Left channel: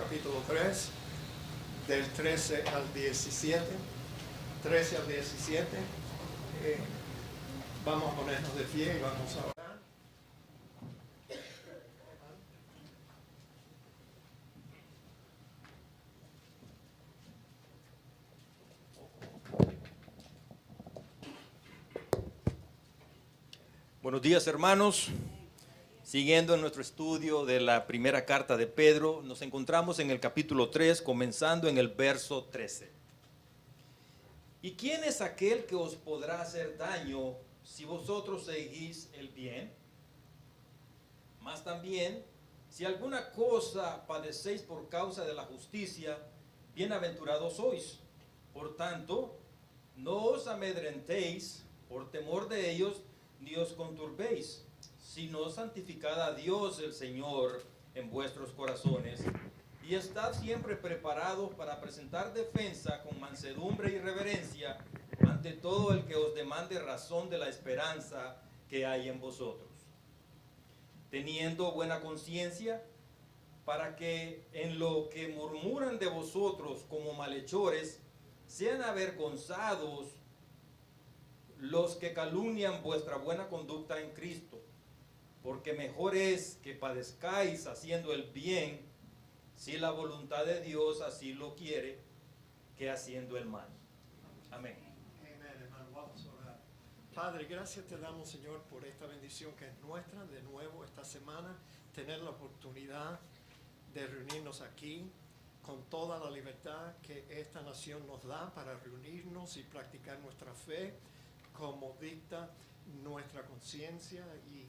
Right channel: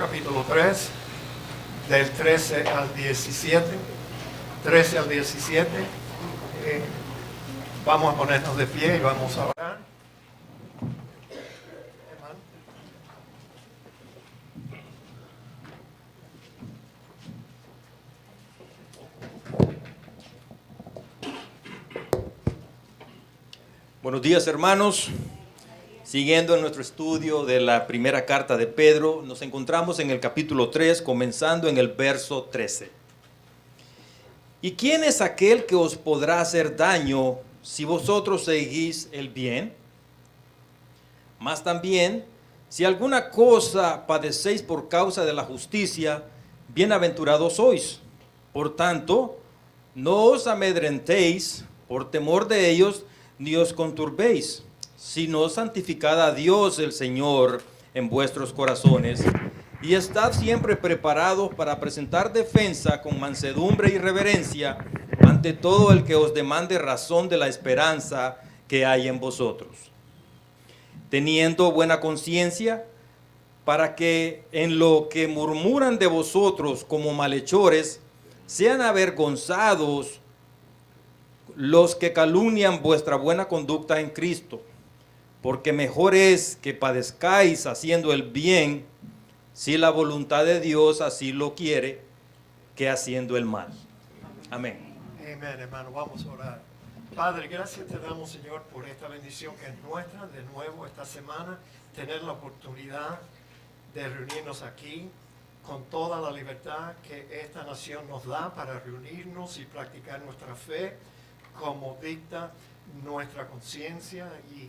Capítulo 3, del 13 al 17. 13 al 17. Vamos a ponernos de pie y vamos a orar. Buenos días, hermanos. Siguiendo en nuestro estudio de la primera carta de Pedro, nos encontramos en el capítulo 3, comenzando en el verso 13. ¿Y quién es aquel que os podrá hacer daño si vosotros seguís el bien? Mas también, si alguna cosa padecéis por causa de la justicia, bienaventurados sois. Por tanto, no os amedrentéis por temor de ellos, ni os conturbéis, sino santificad a Dios el Señor en vuestros corazones, y estad siempre preparados para presentar defensa con mansedumbre y reverencia ante todo el que os demande razón de la esperanza que hay en vosotros, teniendo buena conciencia, para que en lo que murmuran de vosotros como malhechores, sean avergonzados los que calumnian vuestra buena conducta en Cristo. Porque mejor es que padezcáis haciendo el bien, si la voluntad de Dios así lo quiere, que haciendo el mal. Amén. Amén, hermano. Vamos a orar. Padre, gracias te damos, Señor, por esta bendición que es nuestra, de nuevo esta semana, tener la oportunidad de reunirnos aquí con toda la libertad que esta nación nos da para reunirnos y practicar nuestra fe como dicta nuestra conciencia y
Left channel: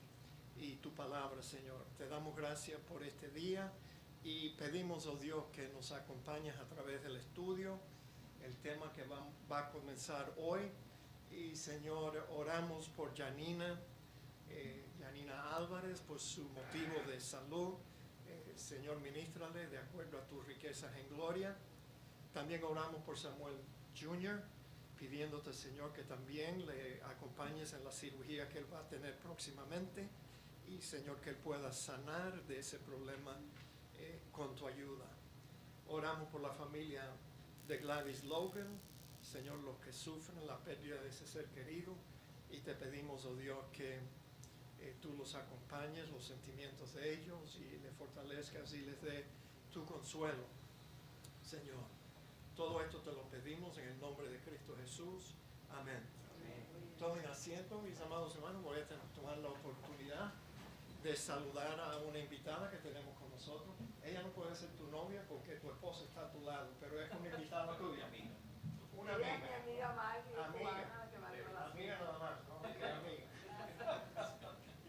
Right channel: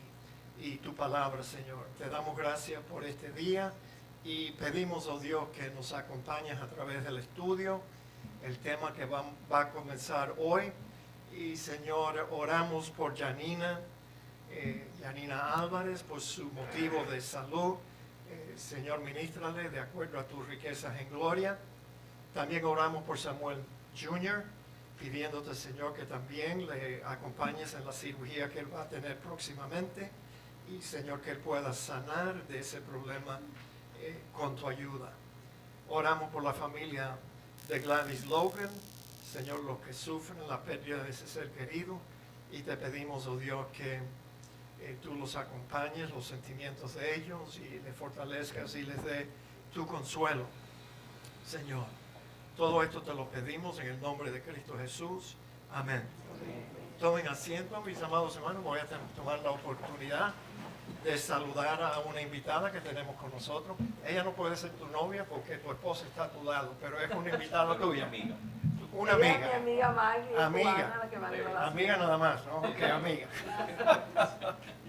tu palabra, Señor. Te damos gracias por este día y pedimos, oh Dios, que nos acompañes a través del estudio, el tema que va a comenzar hoy. Y, Señor, oramos por Yanina Álvarez, por su motivo de salud. Señor, ministrale de acuerdo a tus riquezas en gloria. También oramos por Samuel Jr., pidiéndote, Señor, que también le acompañes en la cirugía que él va a tener próximamente. Y, Señor, que él pueda sanar de ese problema con tu ayuda. Oramos por la familia de Gladys Logan, Señor, los que sufren la pérdida de ese ser querido. Y te pedimos, oh Dios, que tú los acompañes, los sentimientos de ellos, y les fortalezcas y les dé tu consuelo, Señor. Todo esto te lo pedimos en el nombre de Cristo Jesús. Amén. Tomen asiento, mis amados hermanos. Voy a tomar la oportunidad de saludar a una invitada que tenemos con nosotros. Ella no puede ser tu novia porque tu esposa está a tu lado, pero es una invitada tuya. Una amiga. Ella es mi amiga Maggie. Amiga. La que me alegra la Amiga nada más, ¿no? Ok, amiga.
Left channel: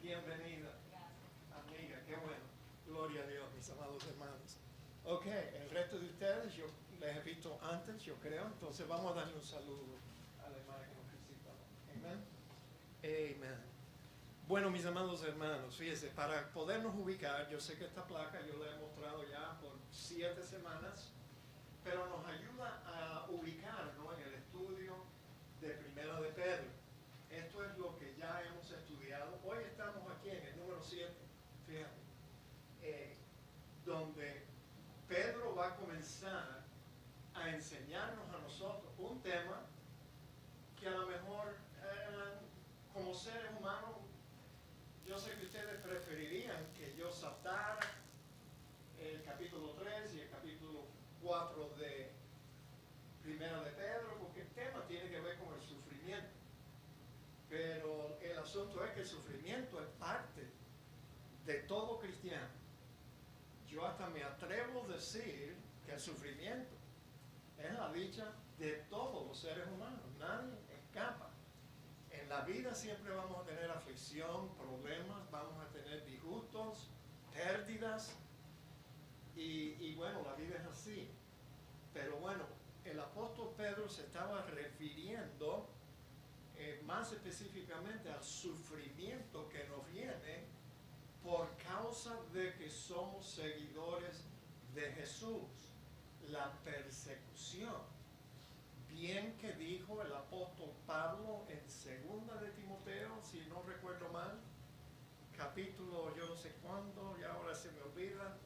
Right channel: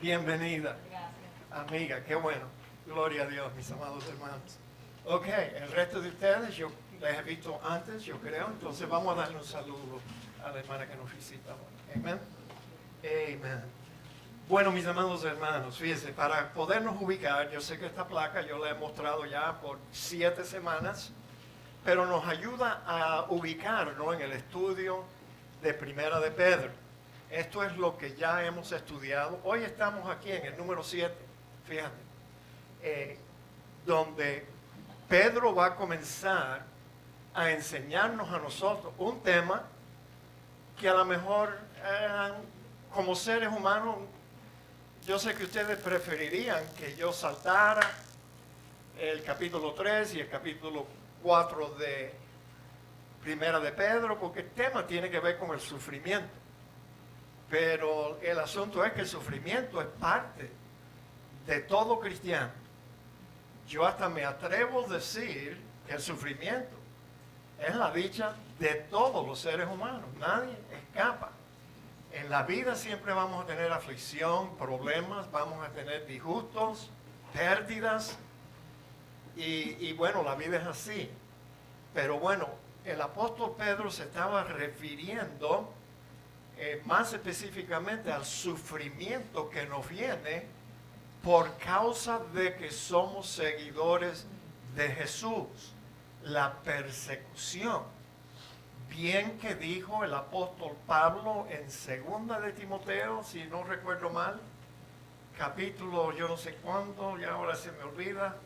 Bienvenida. Amiga, qué bueno. Gloria a Dios, mis amados hermanos. Ok, el resto de ustedes yo les he visto antes, yo creo. Entonces vamos a darle un saludo a la hermana que nos visita. Amén. Amén. Bueno, mis amados hermanos, fíjense, para podernos ubicar, yo sé que esta placa yo la he mostrado ya por 7 semanas, pero nos ayuda a ubicarnos en el estudio de Primera de Pedro. Esto es lo que ya hemos estudiado. Hoy estamos aquí en el número 7, fíjate, donde Pedro va a comenzar a enseñarnos a nosotros un tema que a lo mejor como seres humanos, yo sé que ustedes preferirían que yo saltara el capítulo 3 y el capítulo 4 de Primera de Pedro, porque el tema tiene que ver con el sufrimiento. Pero el asunto es que el sufrimiento es parte de todo cristiano. Yo hasta me atrevo a decir que el sufrimiento es la dicha de todos los seres humanos. Nadie escapa. En la vida siempre vamos a tener aflicción, problemas, vamos a tener disgustos, pérdidas. Y bueno, la vida es así. Pero bueno, el apóstol Pedro se estaba refiriendo más específicamente al sufrimiento que nos viene por causa de que somos seguidores de Jesús. La persecución. Bien que dijo el apóstol Pablo en 2 de Timoteo, si no recuerdo mal, capítulo yo no sé cuándo, ya ahora se me olvida,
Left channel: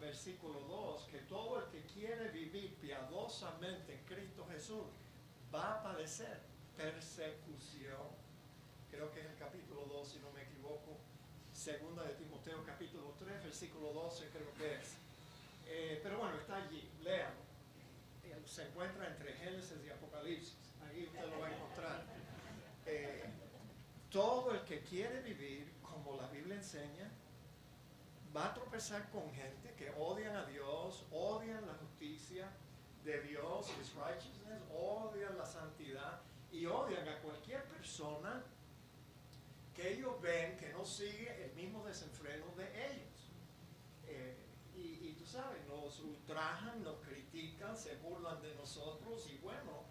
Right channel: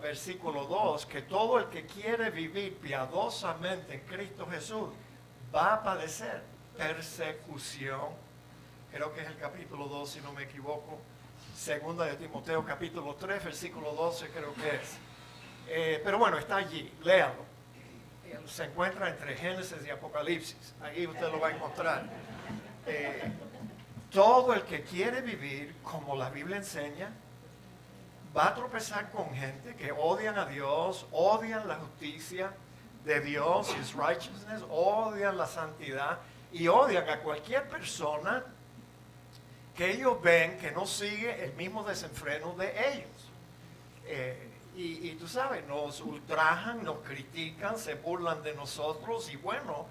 versículo 2, que todo el que quiere vivir piadosamente en Cristo Jesús va a padecer persecución. Creo que es el capítulo 2, si no me equivoco. Segunda de Timoteo, capítulo 3, versículo 12, creo que es. Pero bueno, está allí, léalo. Se encuentra entre Génesis y Apocalipsis. Ahí usted lo va a encontrar. Todo el que quiere vivir como la Biblia enseña, va a tropezar con gente que odian a Dios, odian la justicia de Dios, His righteousness, odian la santidad y odian a cualquier persona que ellos ven que no sigue el mismo desenfreno de ellos. Y tú sabes, nos ultrajan, nos critican, se burlan de nosotros y bueno,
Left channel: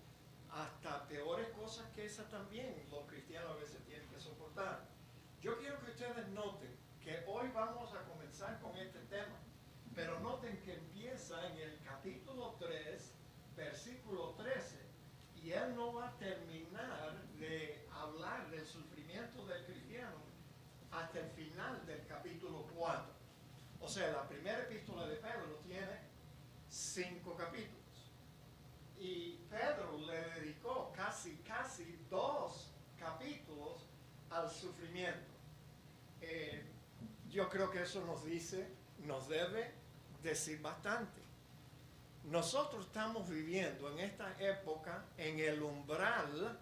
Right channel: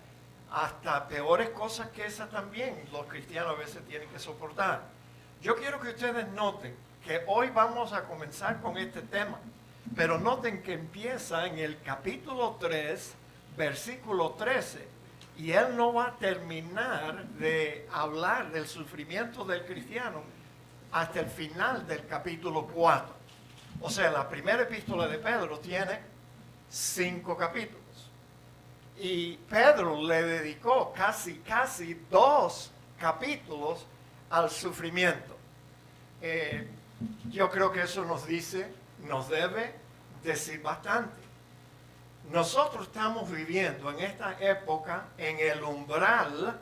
hasta peores cosas que esa también los cristianos a veces tienen que soportar. Yo quiero que ustedes noten que hoy vamos a comenzar con este tema, pero noten que empieza en el capítulo 3, versículo 13, y él no va a terminar de hablar del sufrimiento del cristiano hasta el final del capítulo 4. O sea, la primera epístola de Pedro tiene 5 capítulos. Y Pedro le dedicó casi 2 capítulos al sufrimiento. Yo creo que eso nos debe decir bastante. Nosotros estamos viviendo en esta época en el umbral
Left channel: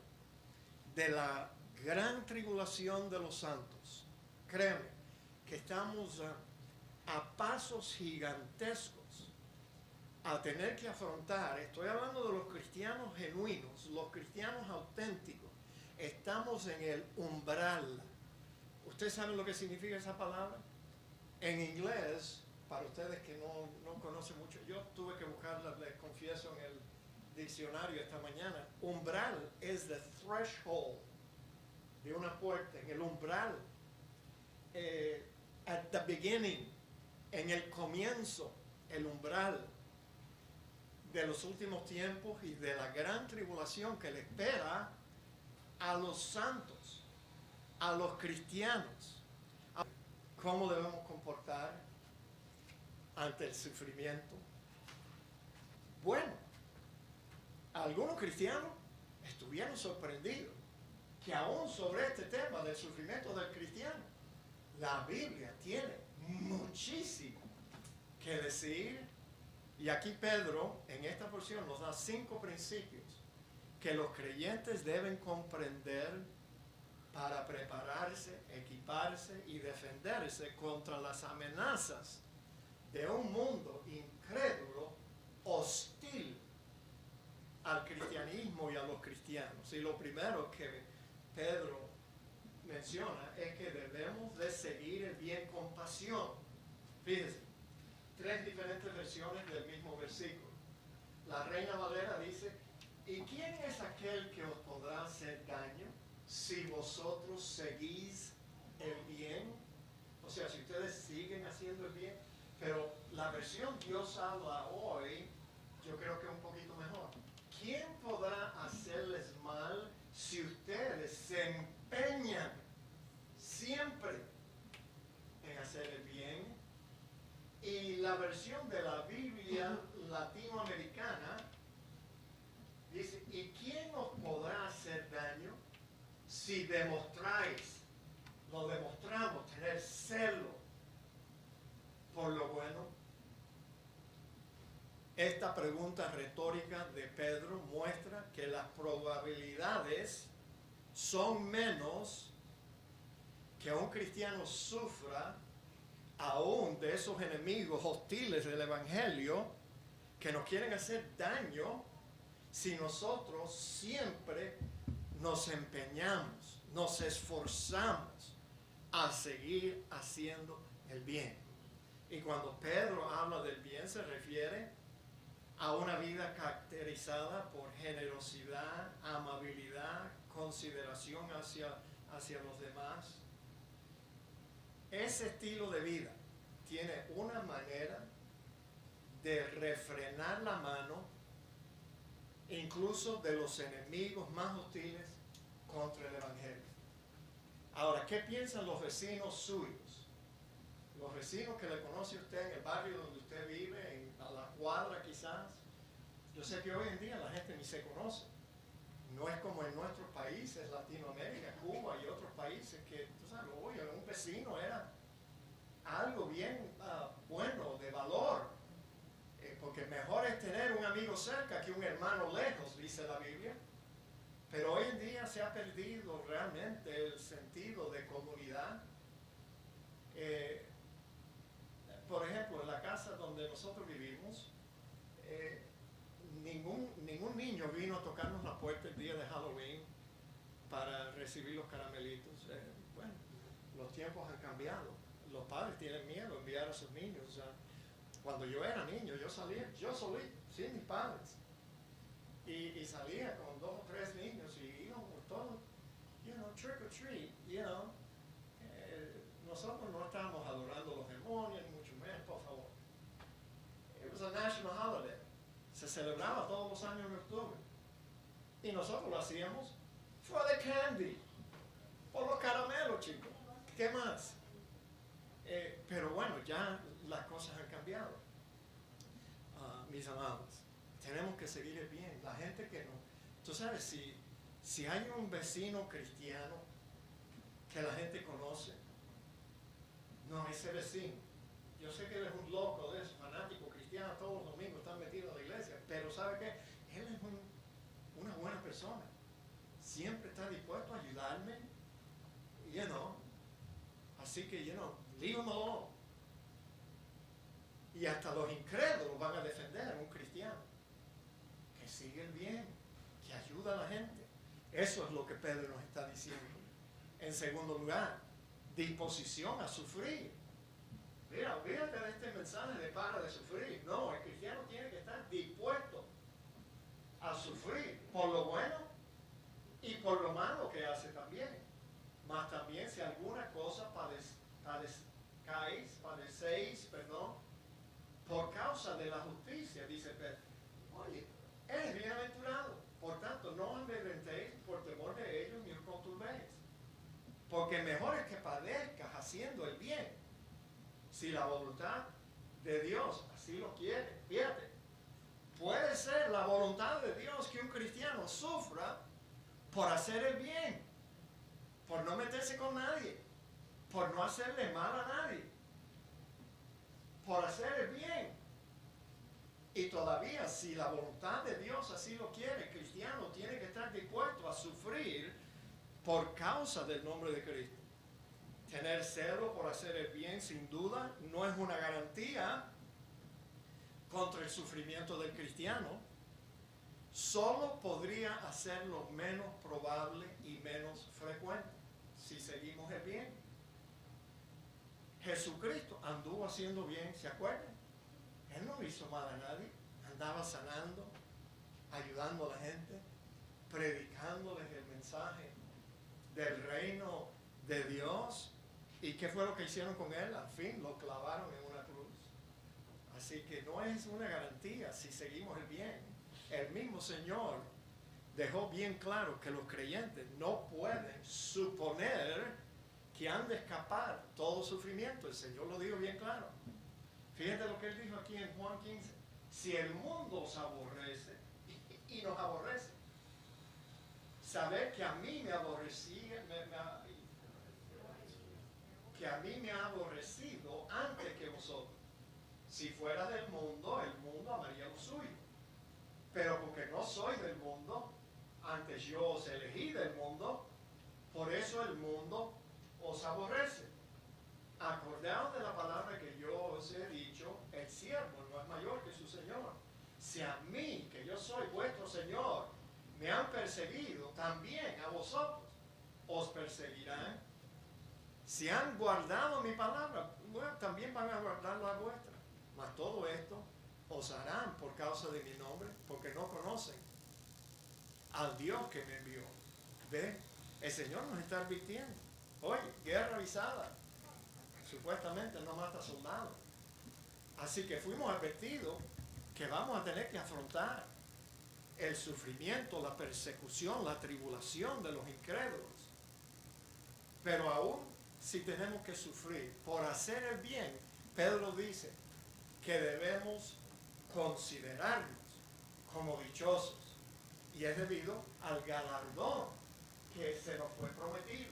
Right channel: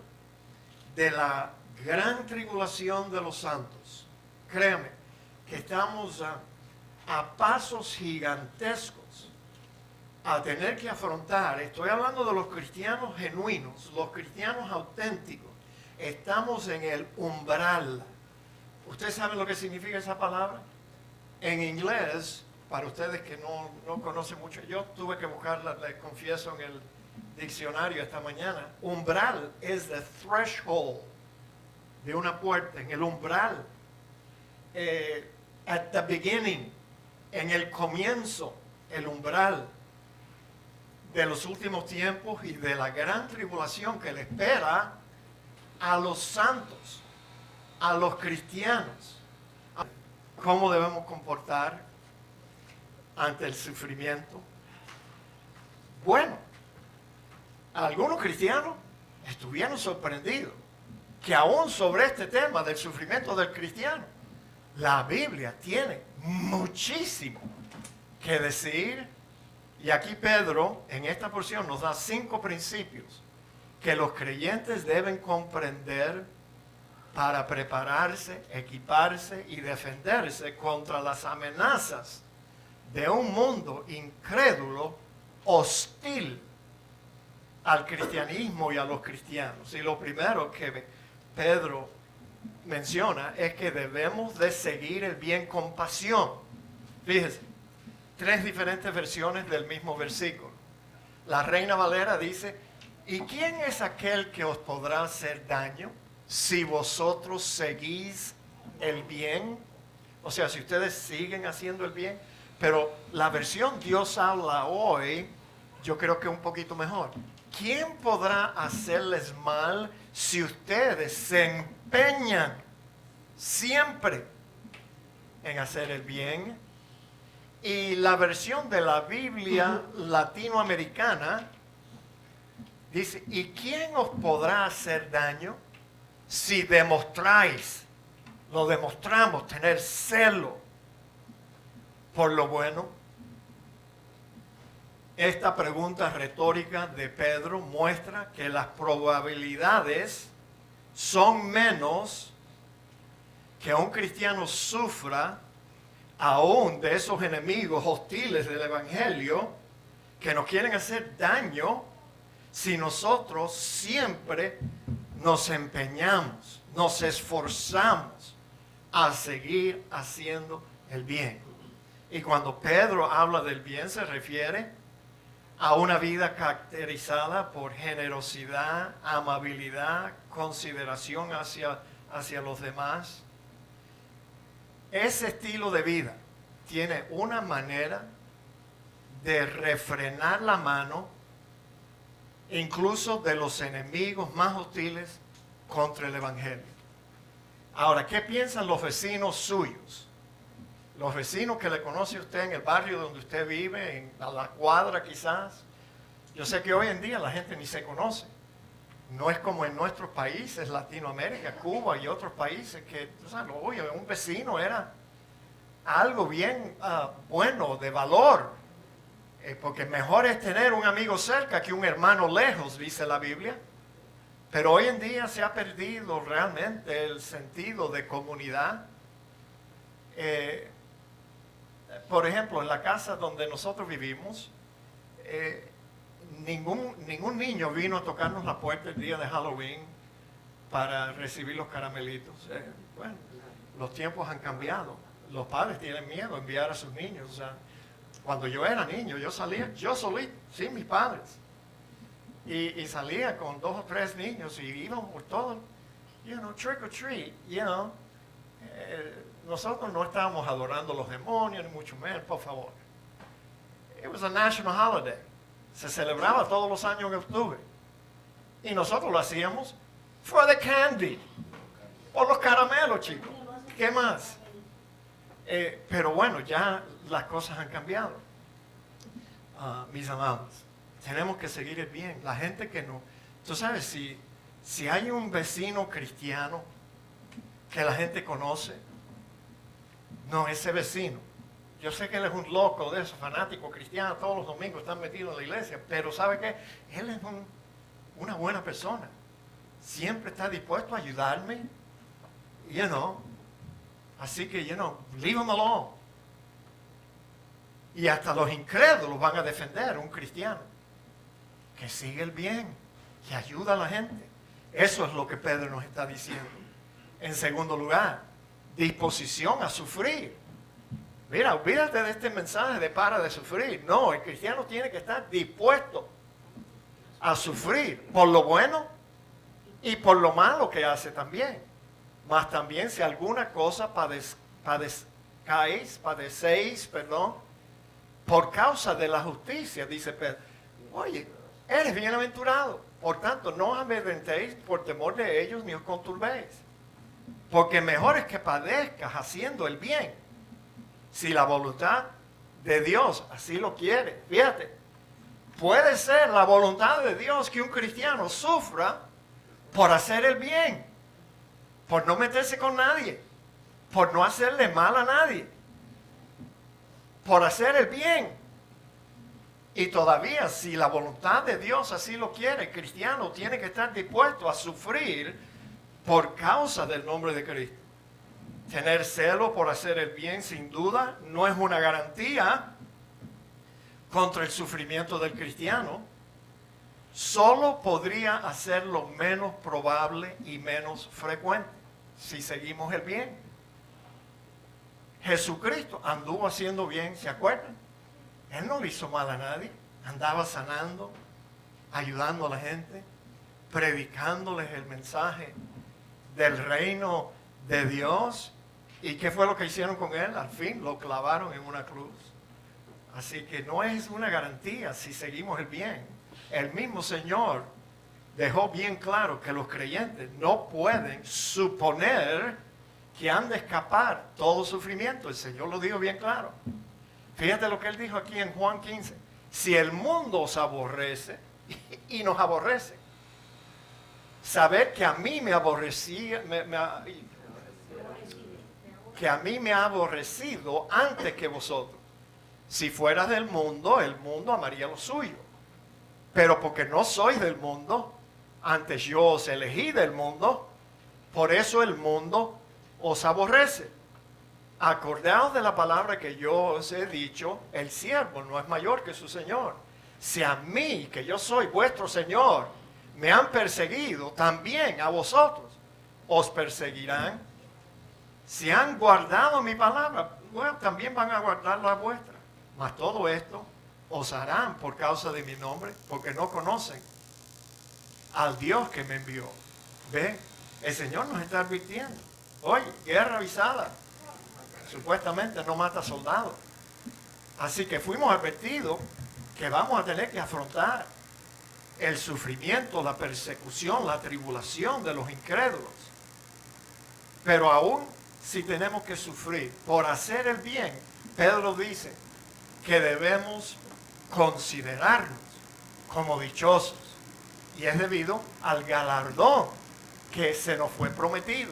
de la gran tribulación de los santos. Créeme que estamos a pasos gigantescos a tener que afrontar, estoy hablando de los cristianos genuinos, los cristianos auténticos, estamos en el umbral. ¿Usted sabe lo que significa esa palabra? En inglés, para ustedes que no conocen mucho, yo tuve que buscarla, les confieso, en el diccionario esta mañana. Umbral es the threshold de una puerta, en el umbral. At the beginning, en el comienzo, el umbral de los últimos tiempos y de la gran tribulación que le espera a los santos, a los cristianos. ¿Cómo debemos comportar ante el sufrimiento? Bueno, algunos cristianos estuvieron sorprendidos que aún sobre este tema del sufrimiento del cristiano, la Biblia tiene muchísimo que decir. Y aquí Pedro, en esta porción, nos da 5 principios que los creyentes deben comprender para prepararse, equiparse y defenderse contra las amenazas de un mundo incrédulo, hostil al cristianismo y a los cristianos. Y lo primero que Pedro menciona es que debemos de seguir el bien con pasión. Fíjese, 3 diferentes versiones del mismo versículo. La Reina Valera dice, ¿y quién es aquel que os podrá hacer daño si vosotros seguís el bien? O sea, si ustedes siguen haciendo el bien. Pero la versión Dios habla hoy, yo creo que es un poquito mejor. ¿Quién podrá hacerles mal si ustedes se empeñan siempre en hacer el bien? Y la versión de la Biblia latinoamericana dice, ¿y quién os podrá hacer daño si lo demostramos, tener celo por lo bueno? Esta pregunta retórica de Pedro muestra que las probabilidades son menos que un cristiano sufra aún de esos enemigos hostiles del Evangelio que nos quieren hacer daño si nosotros siempre nos empeñamos, nos esforzamos a seguir haciendo el bien. Y cuando Pedro habla del bien se refiere a una vida caracterizada por generosidad, amabilidad, consideración hacia los demás. Ese estilo de vida tiene una manera de refrenar la mano incluso de los enemigos más hostiles contra el Evangelio. Ahora, ¿qué piensan los vecinos suyos? los vecinos que le conoce usted en el barrio donde usted vive, a la cuadra quizás. Yo sé que hoy en día la gente ni se conoce. No es como en nuestros países, Latinoamérica, Cuba y otros países, que, tú sabes, oye, un vecino era algo bien bueno, de valor. Porque mejor es tener un amigo cerca que un hermano lejos, dice la Biblia. Pero hoy en día se ha perdido realmente el sentido de comunidad. Por ejemplo, en la casa donde nosotros vivimos, ningún niño vino a tocarnos la puerta el día de Halloween para recibir los caramelitos. Bueno, los tiempos han cambiado. Los padres tienen miedo a enviar a sus niños. O sea, cuando yo era niño, yo salía, yo solito, sin mis padres. Y salía con 2 o 3 niños y íbamos por todo, trick or treat, nosotros no estábamos adorando a los demonios, ni mucho menos, por favor. It was a national holiday. Se celebraba todos los años en octubre. Y nosotros lo hacíamos for the candy. Por los caramelos, chicos. ¿Qué más? Pero bueno, ya las cosas han cambiado. Mis amados, tenemos que seguir el bien. La gente que no... Tú sabes, si hay un vecino cristiano que la gente conoce, no, ese vecino, yo sé que él es un loco de esos, fanático cristiano, todos los domingos están metidos en la iglesia, pero ¿sabe qué? Él es una buena persona. Siempre está dispuesto a ayudarme, Así que, leave him alone. Y hasta los incrédulos van a defender a un cristiano que sigue el bien, que ayuda a la gente. Eso es lo que Pedro nos está diciendo. En segundo lugar, disposición a sufrir. Mira, olvídate de este mensaje de para de sufrir. No, el cristiano tiene que estar dispuesto a sufrir por lo bueno y por lo malo que hace también. Mas también si alguna cosa padecéis, por causa de la justicia, dice Pedro. Oye, eres bienaventurado. Por tanto, no os amedrentéis por temor de ellos ni os conturbéis. Porque mejor es que padezcas haciendo el bien, si la voluntad de Dios así lo quiere. Fíjate, puede ser la voluntad de Dios que un cristiano sufra por hacer el bien, por no meterse con nadie, por no hacerle mal a nadie, por hacer el bien. Y todavía, si la voluntad de Dios así lo quiere, el cristiano tiene que estar dispuesto a sufrir por causa del nombre de Cristo. Tener celo por hacer el bien, sin duda, no es una garantía contra el sufrimiento del cristiano. Solo podría hacerlo menos probable y menos frecuente si seguimos el bien. Jesucristo anduvo haciendo bien, ¿se acuerdan? Él no le hizo mal a nadie. Andaba sanando, ayudando a la gente, predicándoles el mensaje del reino de Dios. ¿Y qué fue lo que hicieron con él? Al fin lo clavaron en una cruz. Así que no es una garantía si seguimos el bien. El mismo Señor dejó bien claro que los creyentes no pueden suponer que han de escapar todo sufrimiento. El Señor lo dijo bien claro. Fíjate lo que Él dijo aquí en Juan 15. Si el mundo os aborrece, y nos aborrece, saber que a mí me aborrecía, que a mí me ha aborrecido antes que vosotros. Si fueras del mundo, el mundo amaría lo suyo. Pero porque no sois del mundo, antes yo os elegí del mundo, por eso el mundo os aborrece. Acordaos de la palabra que yo os he dicho, el siervo no es mayor que su Señor. Si a mí, que yo soy vuestro Señor, me han perseguido, también a vosotros os perseguirán. Si han guardado mi palabra, bueno, también van a guardar la vuestra. Mas todo esto os harán por causa de mi nombre, porque no conocen al Dios que me envió. ¿Ven? El Señor nos está advirtiendo. Oye, guerra avisada. Supuestamente no mata soldados. Así que fuimos advertidos que vamos a tener que afrontar el sufrimiento, la persecución, la tribulación de los incrédulos. Pero aún si tenemos que sufrir por hacer el bien, Pedro dice que debemos considerarnos como dichosos. Y es debido al galardón que se nos fue prometido.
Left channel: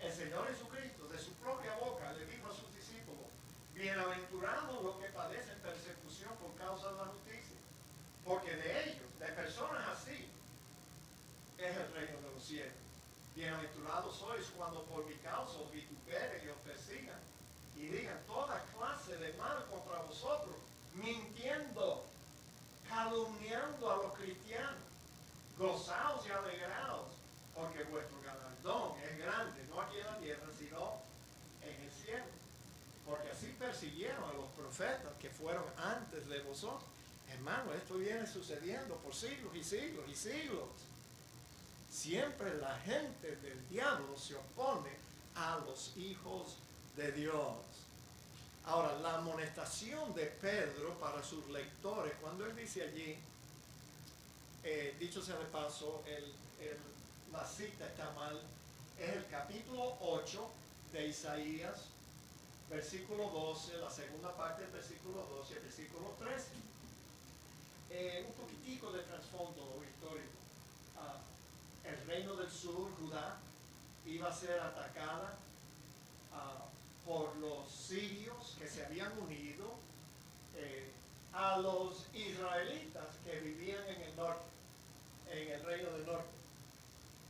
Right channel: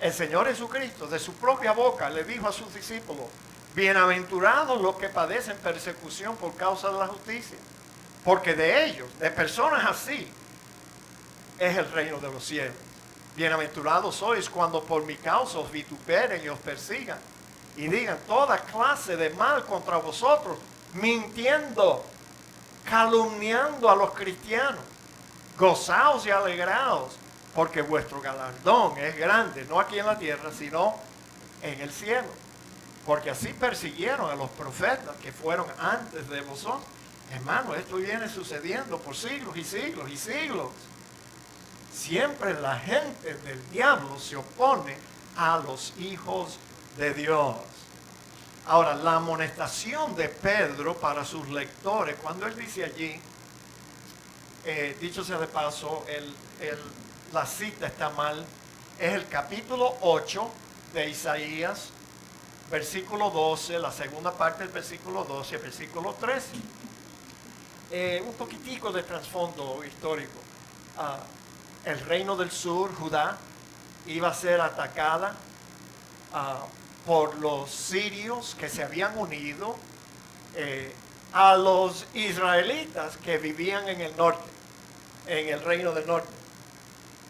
El Señor Jesucristo de su propia boca le dijo a sus discípulos: bienaventurados los que padecen persecución por causa de la justicia, porque de ellos, de personas así, es el reino de los cielos. Bienaventurados sois cuando por mi causa os vituperen y os persigan y digan toda clase de mal contra vosotros, mintiendo, calumniando a los cristianos. Gozaos y alegraos, porque vuestro galardón es grande, no aquí en la tierra, sino en el cielo. Porque así persiguieron a los profetas que fueron antes de vosotros. Hermano, esto viene sucediendo por siglos y siglos y siglos. Siempre la gente del diablo se opone a los hijos de Dios. Ahora, la amonestación de Pedro para sus lectores, cuando él dice allí, dicho sea de paso, la cita está mal, es el capítulo 8 de Isaías, versículo 12, la segunda parte del versículo 12, el versículo 13. Un poquitico de trasfondo histórico. El reino del sur, Judá, iba a ser atacada por los sirios que se habían unido a los israelitas que vivían en el norte, en el reino del norte.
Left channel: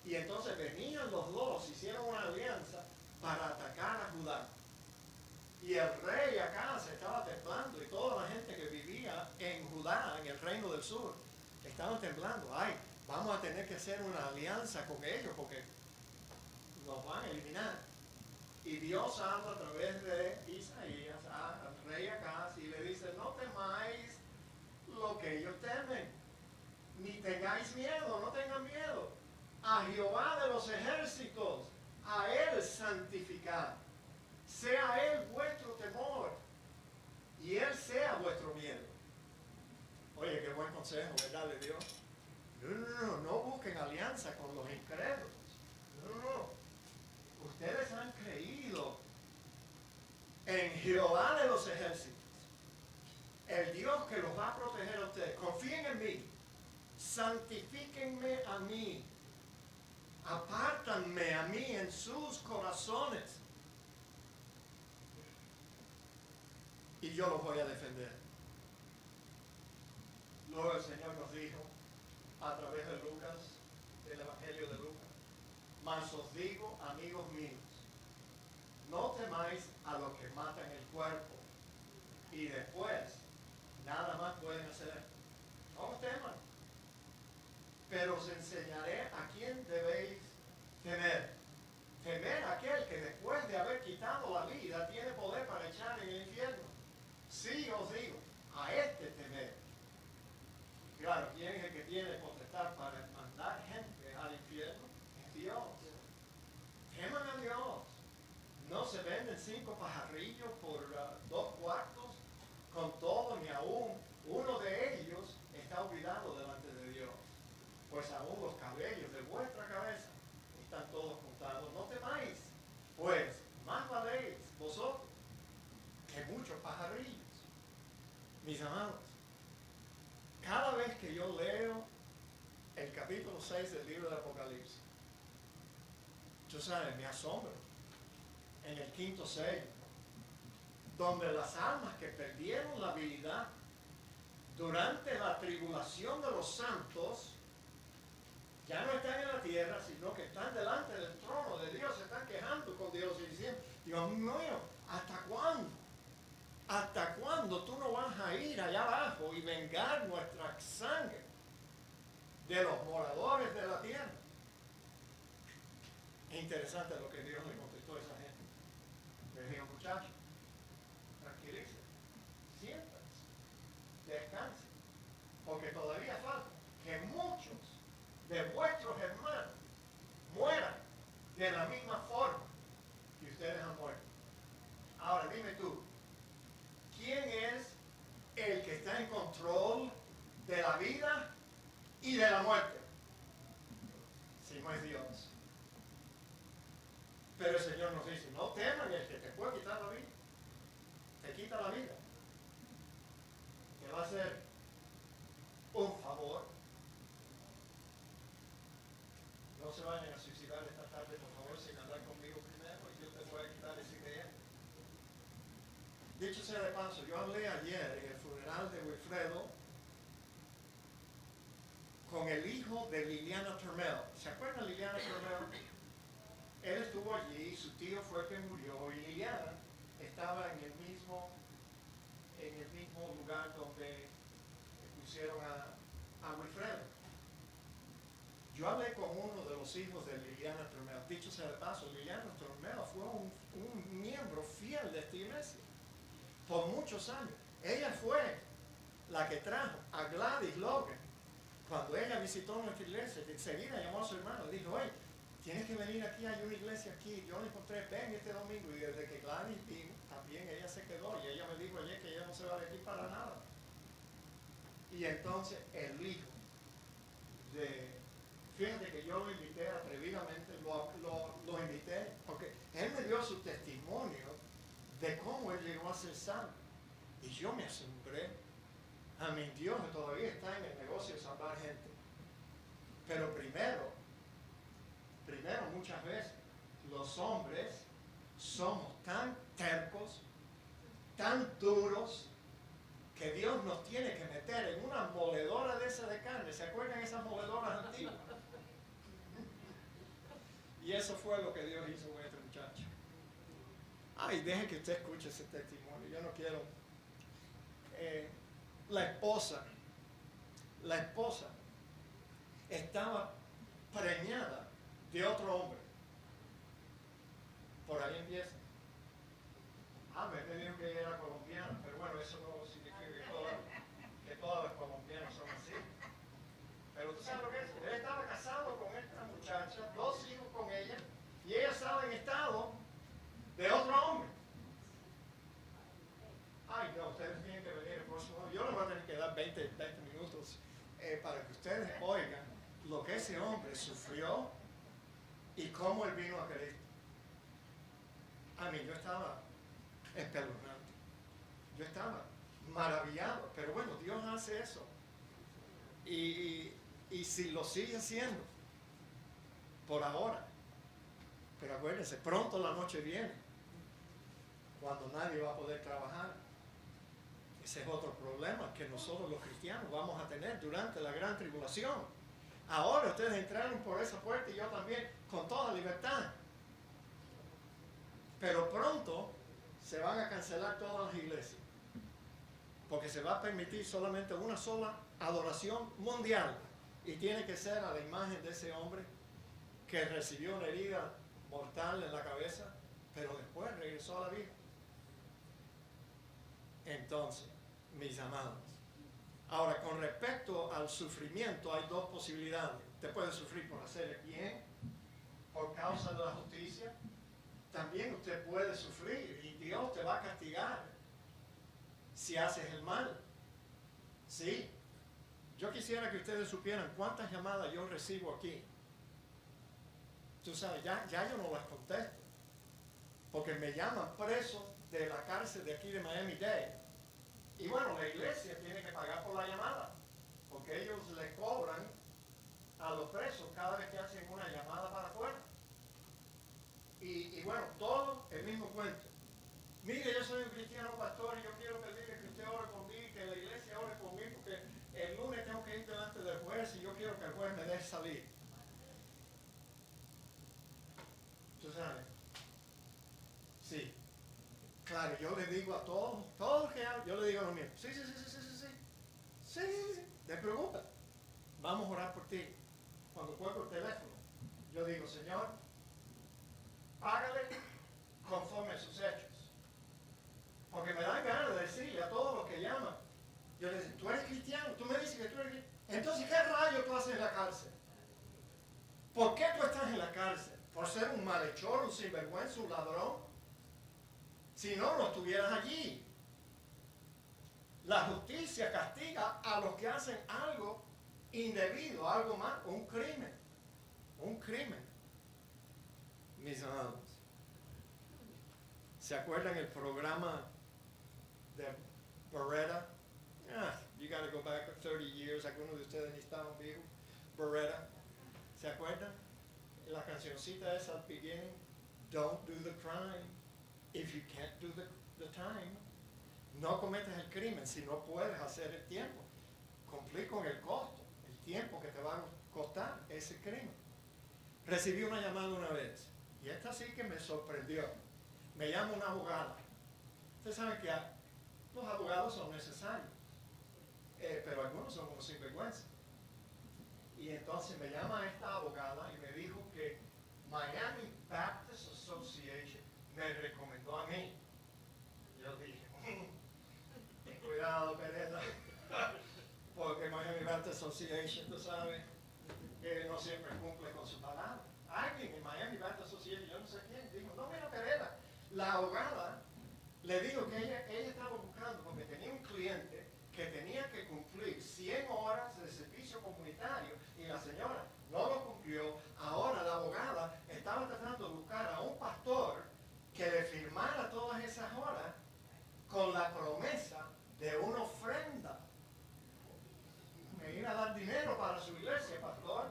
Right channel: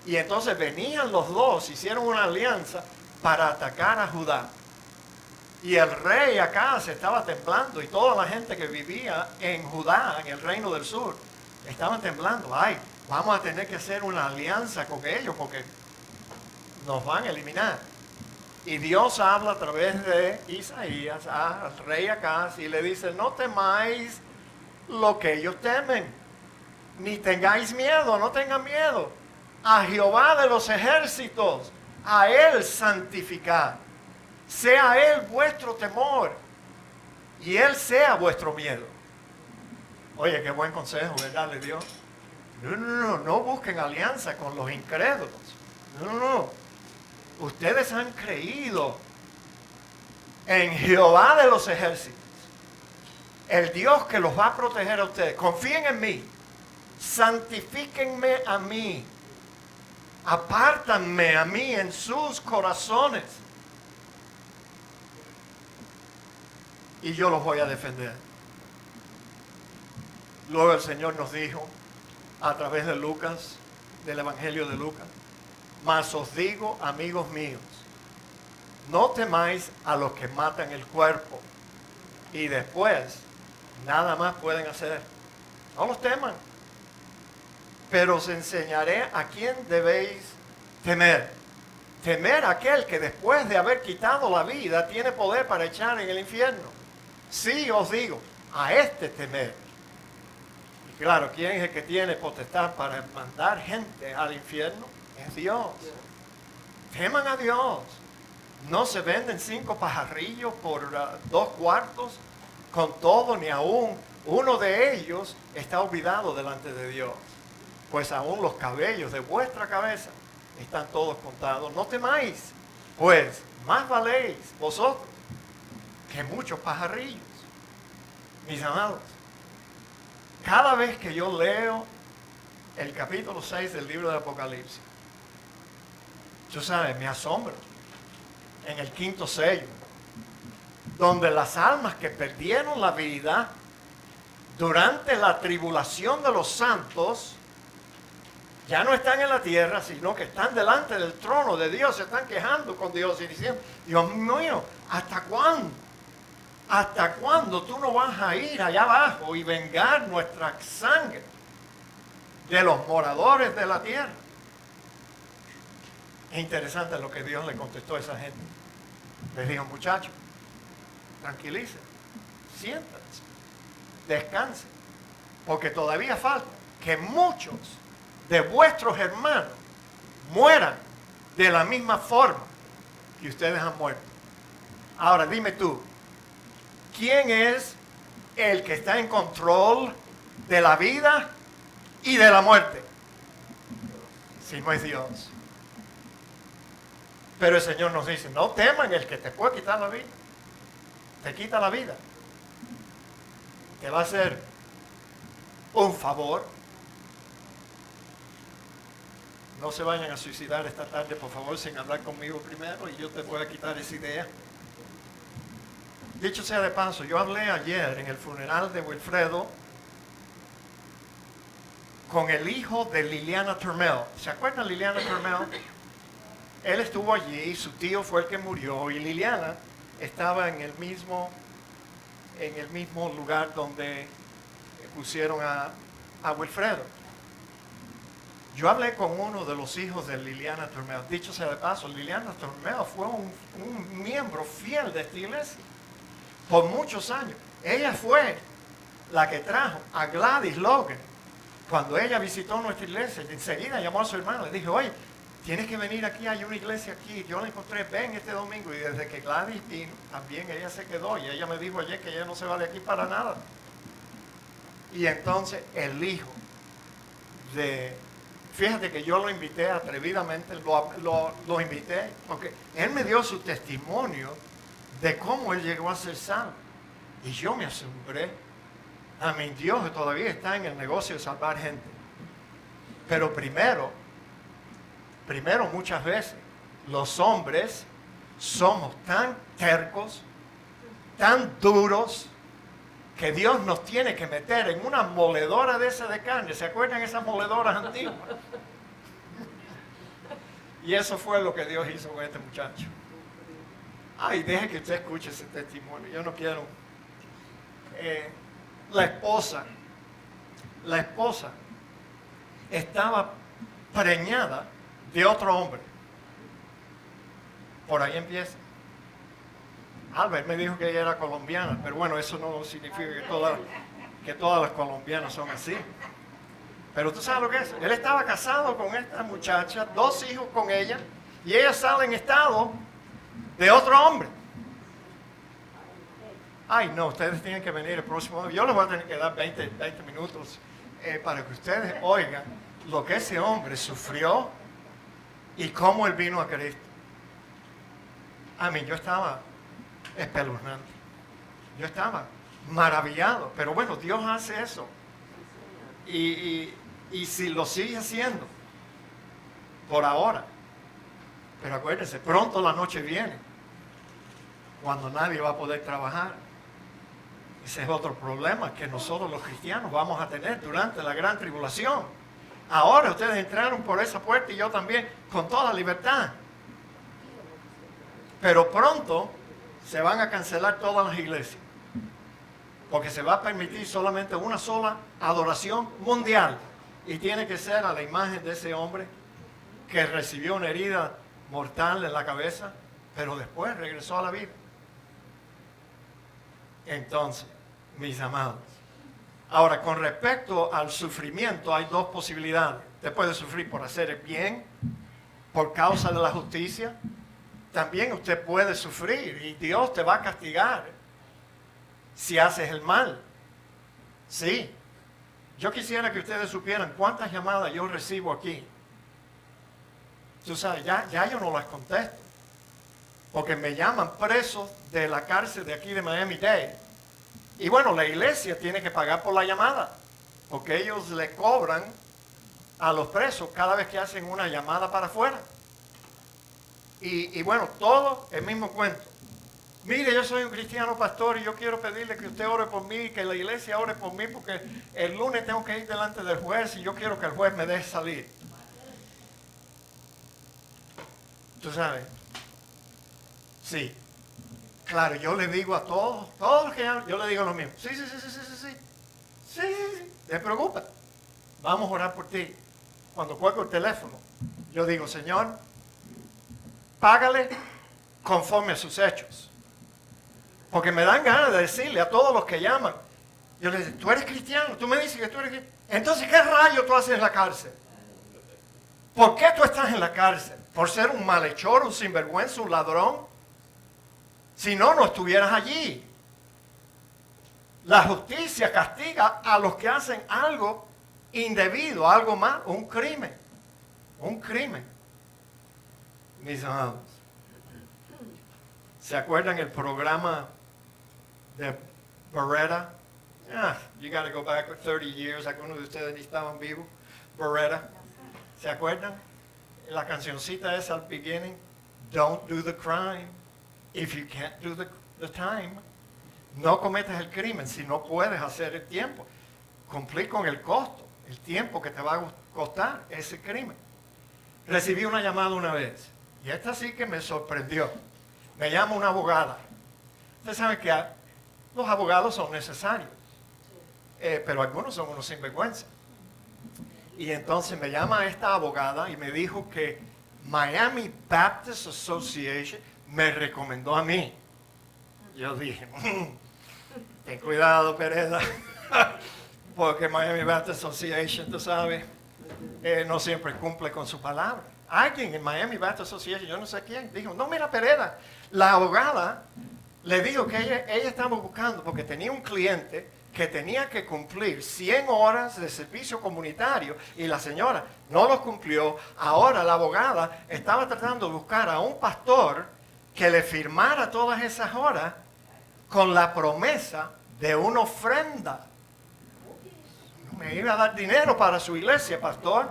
Y entonces venían los dos, hicieron una alianza para atacar a Judá. Y el rey acá se estaba temblando, y toda la gente que vivía en Judá, en el reino del sur, estaban temblando. Ay, vamos a tener que hacer una alianza con ellos porque nos van a eliminar. Y Dios habla a través de Isaías al rey Acaz y le dice: no temáis lo que ellos temen, ni tengáis miedo, no tengan miedo. A Jehová de los ejércitos, a Él santificad. Sea Él vuestro temor y Él sea vuestro miedo. Oye, qué buen consejo, ¿verdad? Le dio. No busquen alianza con los incrédulos. No. Ustedes han creído en Jehová de los ejércitos, el Dios que los va a proteger a ustedes. Confíen en mí, santifíquenme a mí, apártanme a mí en sus corazones, y yo los voy a defender. Luego el Señor nos dijo a través de Lucas, del Evangelio de Lucas: mas os digo, amigos míos, no temáis a los que matan el cuerpo y después nada más pueden hacer. No los teman, pero os enseñaré a quién debéis temer. Temer a aquel que después de haber quitado la vida tiene poder para echar en el infierno. Sí, os digo, a este temer. Y claro, ¿quién es el que tiene potestad para mandar gente al infierno? Es Dios. Teman a Dios. No se venden 5 pajarrillos por 2 cuartos. Con todo, ni aún uno de ellos está olvidado delante de Dios. Pues aún los cabellos de vuestra cabeza están todos contados. No temáis, pues más valéis vosotros que muchos pajarrillos. Mis amados, cada vez que yo leo el capítulo 6 del libro de Apocalipsis, yo sabes, me asombro. En el 5º sello, donde las almas que perdieron la vida durante la tribulación de los santos ya no están en la tierra, sino que están delante del trono de Dios, se están quejando con Dios y diciendo: Dios mío, ¿hasta cuándo? ¿Hasta cuándo tú no vas a ir allá abajo y vengar nuestra sangre de los moradores de la tierra? Es interesante lo que Dios le contestó a esa gente. Les dijo: muchachos, tranquilicen, siéntense, descansen, porque todavía falta que muchos de vuestros hermanos mueran de la misma forma que ustedes han muerto. Ahora dime tú, ¿quién es el que está en control de la vida y de la muerte? Si no es Dios. Pero el Señor nos dice, no teman el que te puede quitar la vida. Te quita la vida. Te va a hacer un favor. No se vayan a suicidar esta tarde, por favor, sin hablar conmigo primero y yo te voy a quitar esa idea. Dicho sea de paso, yo hablé ayer en el funeral de Wilfredo con el hijo de Liliana Turmel. ¿Se acuerdan de Liliana Turmel? Él estuvo allí, su tío fue el que murió y Liliana estaba en el mismo lugar donde pusieron a Wilfredo. Yo hablé con uno de los hijos de Liliana Turmel. Dicho sea de paso, Liliana Turmel fue un miembro fiel de esta iglesia por muchos años. Ella fue la que trajo a Gladys Logan. Cuando ella visitó nuestra iglesia, enseguida llamó a su hermana. Le dijo, oye, tienes que venir aquí, hay una iglesia aquí. Yo la encontré, ven este domingo. Y desde que Gladys vino, también ella se quedó. Y ella me dijo ayer que ella no se va de aquí para nada. Y entonces el hijo de... Fíjate que yo lo invité atrevidamente, lo invité, porque él me dio su testimonio de cómo él llegó a ser salvo. Y yo me asombré. A mi Dios todavía está en el negocio de salvar gente. Pero primero muchas veces, los hombres somos tan tercos, tan duros, que Dios nos tiene que meter en una moledora de esa de carne. ¿Se acuerdan esas moledoras antiguas? Y eso fue lo que Dios hizo con este muchacho. Ay, deje que usted escuche ese testimonio. Yo no quiero. La esposa estaba preñada de otro hombre. Por ahí empieza. Albert me dijo que ella era colombiana, pero bueno, eso no significa que todas las colombianas son así. Pero tú sabes lo que es. Él estaba casado con esta muchacha, 2 hijos con ella, y ella sale en estado de otro hombre. Ay, no, ustedes tienen que venir el próximo día. Yo les voy a tener que dar 20 minutos para que ustedes oigan lo que ese hombre sufrió y cómo él vino a Cristo. A mí, yo estaba espeluznante. Yo estaba maravillado. Pero bueno, Dios hace eso. Y si lo sigue haciendo, por ahora. Pero acuérdense, pronto la noche viene, cuando nadie va a poder trabajar. Ese es otro problema que nosotros los cristianos vamos a tener durante la gran tribulación. Ahora ustedes entraron por esa puerta y yo también, con toda libertad. Pero pronto se van a cancelar todas las iglesias, porque se va a permitir solamente una sola adoración mundial, y tiene que ser a la imagen de ese hombre que recibió una herida mortal en la cabeza, pero después regresó a la vida. Entonces, mis amados, ahora con respecto al sufrimiento hay 2 posibilidades. Usted puede sufrir por hacer el bien, por causa de la justicia. También usted puede sufrir y Dios te va a castigar si haces el mal. Sí. Yo quisiera que ustedes supieran cuántas llamadas yo recibo aquí. Tú sabes, ya yo no las contesto, porque me llaman preso de la cárcel de aquí de Miami-Dade. Y bueno, la iglesia tiene que pagar por la llamada, porque ellos le cobran a los presos cada vez que hacen una llamada para afuera. Y bueno, todo el mismo cuento. Mire, yo soy un cristiano pastor y yo quiero pedirle que usted ore por mí, que la iglesia ore por mí, porque el lunes tengo que ir delante del juez y yo quiero que el juez me deje salir. ¿Tú sabes? Sí. Claro, yo le digo a todos los que llaman, yo le digo lo mismo. Sí. ¿Te preocupa? Vamos a orar por ti. Cuando cuelgo el teléfono, yo digo, Señor, págale conforme a sus hechos. Porque me dan ganas de decirle a todos los que llaman, yo les digo, tú eres cristiano, tú me dices que tú eres cristiano. Entonces, ¿qué rayo tú haces en la cárcel? ¿Por qué tú estás en la cárcel? ¿Por ser un malhechor, un sinvergüenza, un ladrón? Si no, no estuvieras allí. La justicia castiga a los que hacen algo indebido, algo más, un crimen. Un crimen. Mis amados. ¿Se acuerdan el programa de Beretta? You got to go back 30 years. Algunos de ustedes ni estaban vivos. Beretta. ¿Se acuerdan? La cancioncita esa al beginning. Don't do the crime if you can't do the time. No cometas el crimen si no puedes hacer el tiempo. Cumplir con el costo, el tiempo que te va a costar ese crimen. Recibí una llamada una vez y esta sí que me sorprendió. Me llama una abogada. Ustedes saben que los abogados son necesarios, pero algunos son unos sinvergüenza. Y entonces me llama esta abogada y me dijo que Miami Baptist Association me recomendó a mí. Yo dije, ten cuidado, Pereda, porque Miami Baptist Association, tú sabes, no siempre cumple con su palabra. Alguien en Miami Baptist Association, yo no sé quién, dijo, no, mira, Pereda, la abogada le dijo que ella estaba buscando, porque tenía un cliente que tenía que cumplir 100 horas de servicio comunitario y la señora no lo cumplió. Ahora la abogada estaba tratando de buscar a un pastor que le firmara todas esas horas con la promesa de una ofrenda. Me iba a dar dinero para su iglesia, pastor.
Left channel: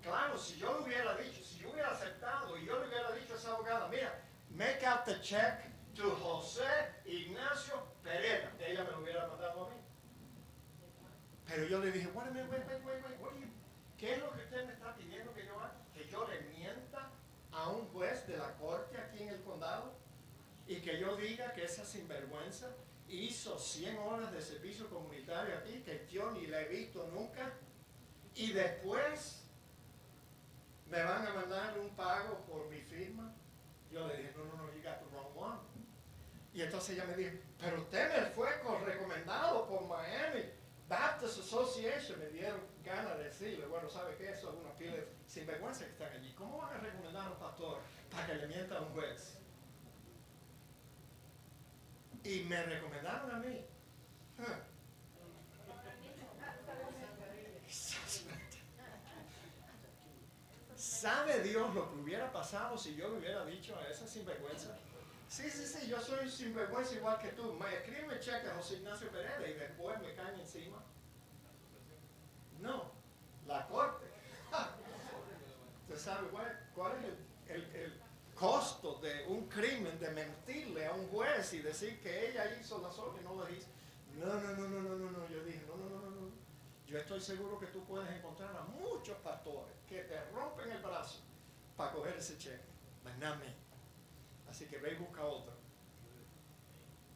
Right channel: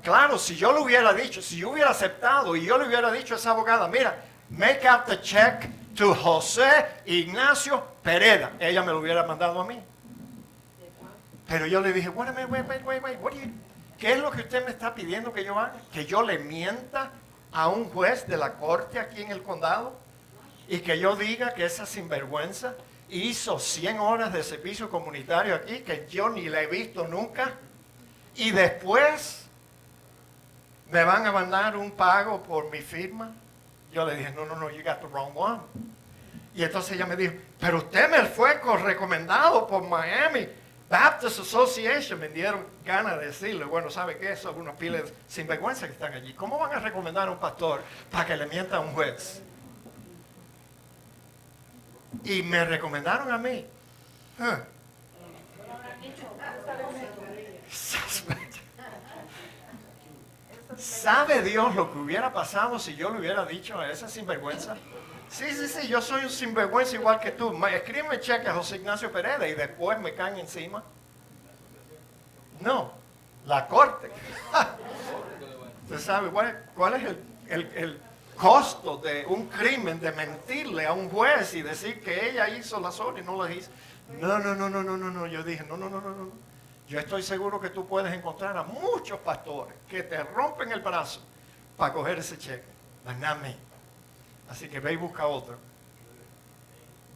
Claro, si yo le hubiera dicho, si yo hubiera aceptado y yo le hubiera dicho a esa abogada, mira, make out the check to José Ignacio Pereda, ella me lo hubiera mandado a mí. Pero yo le dije, wait, ¿qué es lo que usted me está pidiendo que yo haga? ¿Que yo le mienta a un juez de la corte aquí en el condado? Y que yo diga que esa sinvergüenza hizo 100 horas de servicio comunitario aquí, que yo ni la he visto nunca, y después me van a mandar un pago por mi firma. Yo le dije, no, you got the wrong one. Y entonces ella me dijo, pero usted me fue recomendado por Miami Baptist Association. Me dieron ganas de decirle, bueno, ¿sabe qué? Son unos piles sinvergüenza que están allí. ¿Cómo van a recomendar a un pastor para que le mienta a un juez? Y me recomendaron a mí. ¿Sabe Dios lo que hubiera pasado si yo le hubiera dicho a esa sinvergüenza? Sí, yo soy un sinvergüenza igual que tú. Escríbeme cheque a José Ignacio Pereda y después me caen encima. No, la corte. ¿Usted sabe cuál es el costo de un crimen, de mentirle a un juez y decir que ella hizo las horas y no las hizo? No. Yo dije, no. Yo estoy seguro que tú puedes encontrar a muchos pastores que te rompen el brazo para coger ese cheque. But not me. Así que ve y busca otro.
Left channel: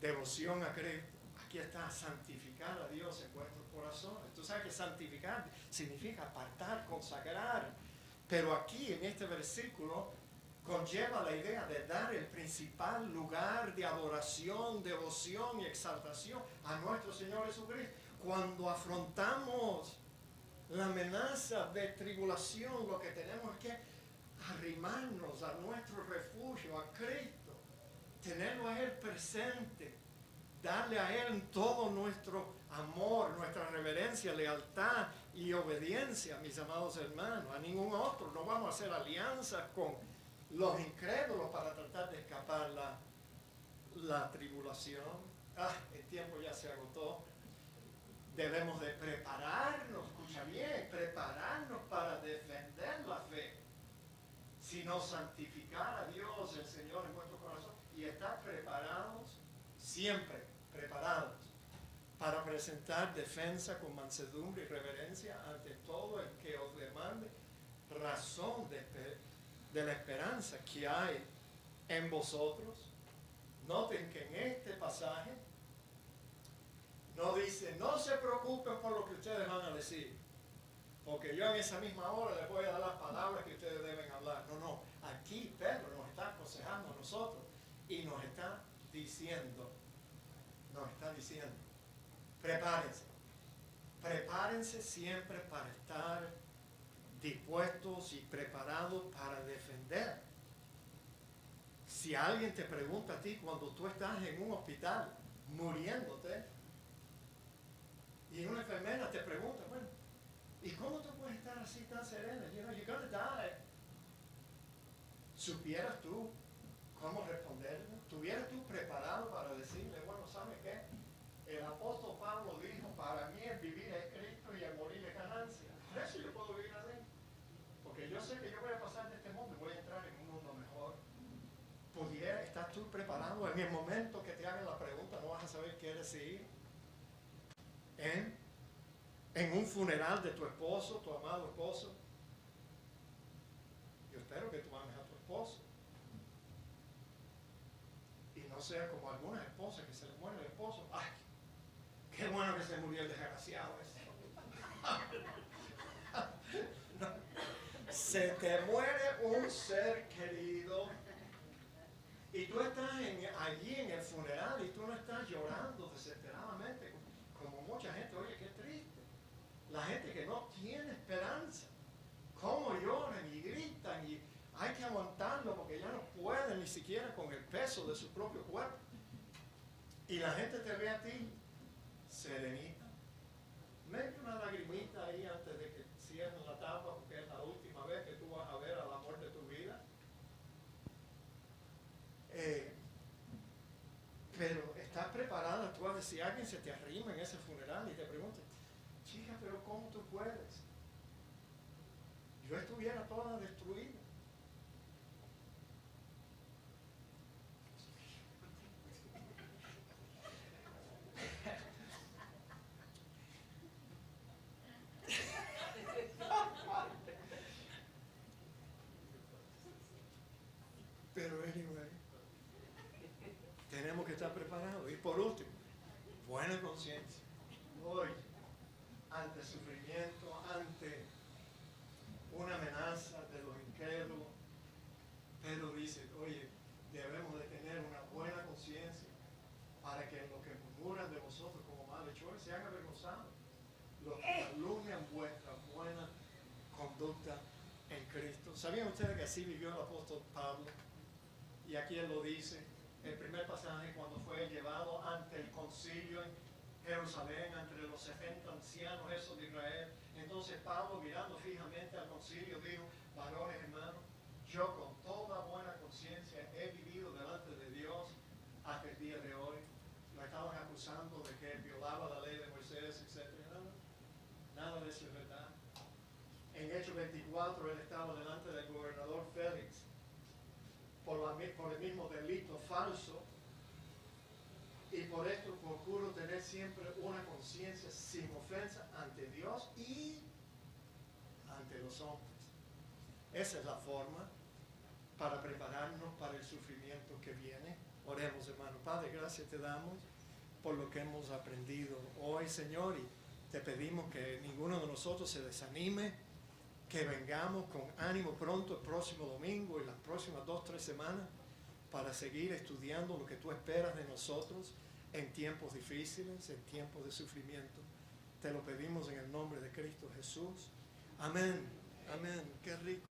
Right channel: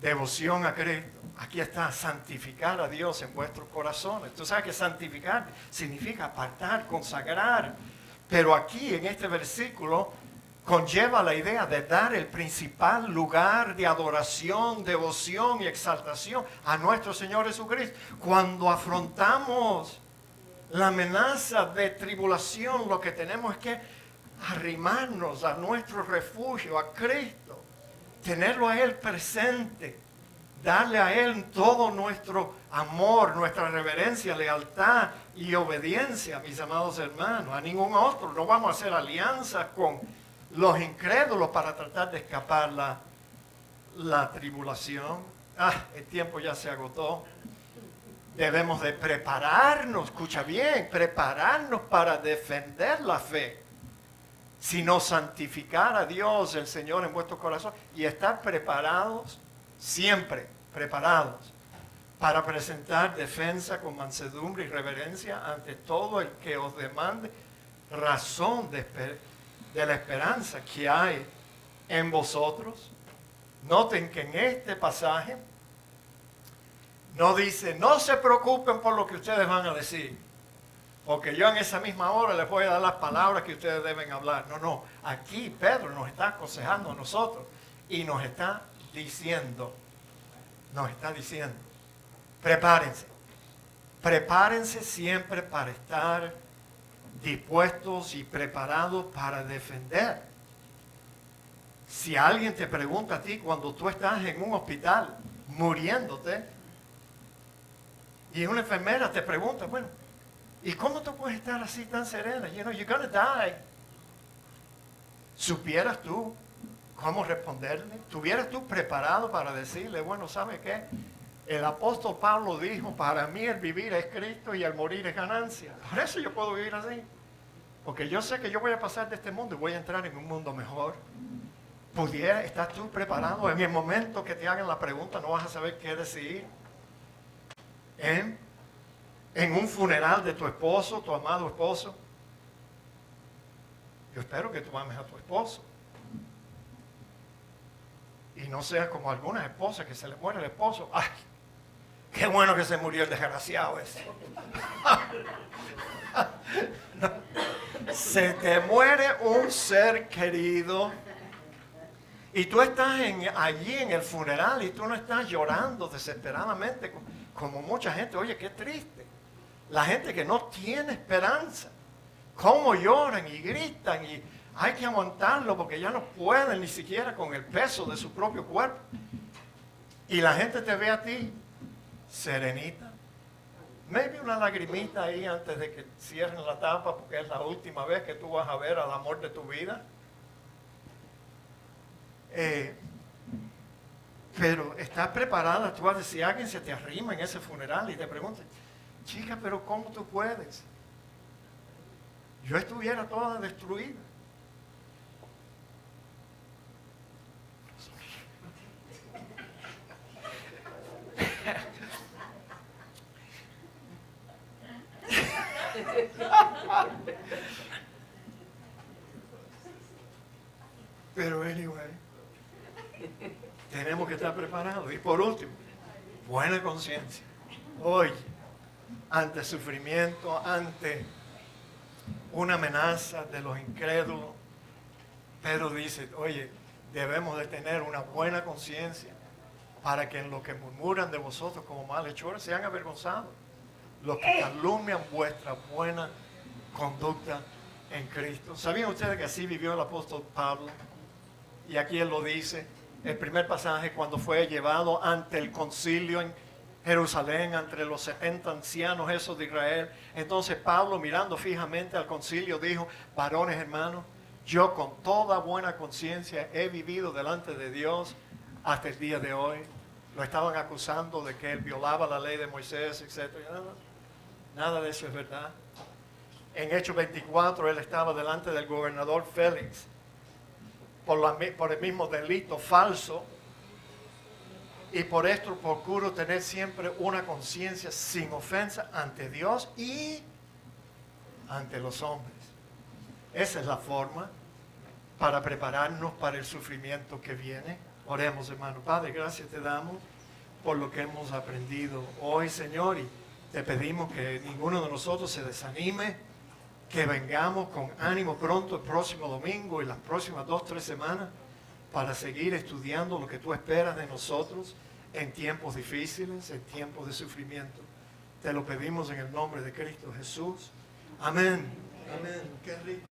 Devoción a Cristo. Aquí está, santificar a Dios en vuestros corazones. Tú sabes que santificar significa apartar, consagrar. Pero aquí en este versículo conlleva la idea de dar el principal lugar de adoración, devoción y exaltación a nuestro Señor Jesucristo. Cuando afrontamos la amenaza de tribulación, lo que tenemos es que arrimarnos a nuestro refugio, a Cristo, tenerlo a Él presente, darle a Él todo nuestro amor, nuestra reverencia, lealtad y obediencia, mis amados hermanos, a ningún otro. No vamos a hacer alianzas con los incrédulos para tratar de escapar la tribulación. El tiempo ya se agotó. Debemos de prepararnos, escucha bien, prepararnos para defender la fe, sino santificar a Dios, el Señor, en vuestro corazón y estar preparados, siempre preparados, para presentar defensa con mansedumbre y reverencia ante todo el que os demande razón de la esperanza que hay en vosotros. Noten que en este pasaje no dice, no se preocupen por lo que ustedes van a decir, porque yo en esa misma hora les voy a dar las palabras que ustedes deben hablar. No, aquí Pedro nos está aconsejando a nosotros y nos está diciendo, prepárense siempre para estar dispuestos y preparados para defender. Si alguien te pregunta a ti cuando tú estás en un hospital muriéndote y una enfermera te pregunta, bueno, ¿y cómo tú puedes estar así tan serena? You're gonna die. Supieras tú cómo responderle. ¿Estuvieras tú preparado para decirle, bueno, ¿sabe qué? El apóstol Pablo dijo, para mí el vivir es Cristo y el morir es ganancia. Por eso yo puedo vivir así. Porque yo sé que yo voy a pasar de este mundo y voy a entrar en un mundo mejor. ¿Estás tú preparado? En el momento que te hagan la pregunta no vas a saber qué decir. En un funeral de tu esposo, tu amado esposo. Yo espero que tú ames a tu esposo. Y no seas como algunas esposas que se le muere el esposo. ¡Ay! ¡Qué bueno que se murió el desgraciado ese! No. Se te muere un ser querido y tú estás allí en el funeral y tú no estás llorando desesperadamente como mucha gente. Oye, qué triste. La gente que no tiene esperanza. Cómo lloran y gritan y hay que aguantarlo porque ya no pueden ni siquiera con el peso de su propio cuerpo. Y la gente te ve a ti serenita. Maybe una lagrimita ahí antes de que cierren la tapa porque es la última vez que tú vas a ver al amor de tu vida. Pero estás preparada tú a decir, si alguien se te arrima en ese funeral y te pregunta, chica, pero ¿cómo tú puedes? Yo estuviera toda destruida. Pero anyway, tenemos que estar preparados. Y por último, buena conciencia. Hoy, ante sufrimiento, ante una amenaza de los incrédulos, Pedro dice, oye, debemos de tener una buena conciencia para que en lo que murmuran de vosotros como malhechores sean avergonzados los que calumnian vuestra buena conducta en Cristo. ¿Sabían ustedes que así vivió el apóstol Pablo? Y aquí él lo dice, el primer pasaje, cuando fue llevado ante el concilio en Jerusalén, entre los 70 ancianos esos de Israel. Entonces Pablo, mirando fijamente al concilio, dijo, varones hermanos, yo con toda buena conciencia he vivido delante de Dios hasta el día de hoy. Lo estaban acusando de que él violaba la ley de Moisés, etc. Nada de eso es verdad. En Hechos 24 él estaba delante del gobernador Félix por el mismo delito falso, y por esto procuro tener siempre una conciencia sin ofensa ante Dios y ante los hombres. Esa es la forma para prepararnos para el sufrimiento que viene. Oremos, hermano. Padre, gracias te damos por lo que hemos aprendido hoy, Señor, y te pedimos que ninguno de nosotros se desanime, que vengamos con ánimo pronto el próximo domingo y las próximas 2 o 3 semanas para seguir estudiando lo que tú esperas de nosotros en tiempos difíciles, en tiempos de sufrimiento. Te lo pedimos en el nombre de Cristo Jesús. Amén. Amén. Qué rico.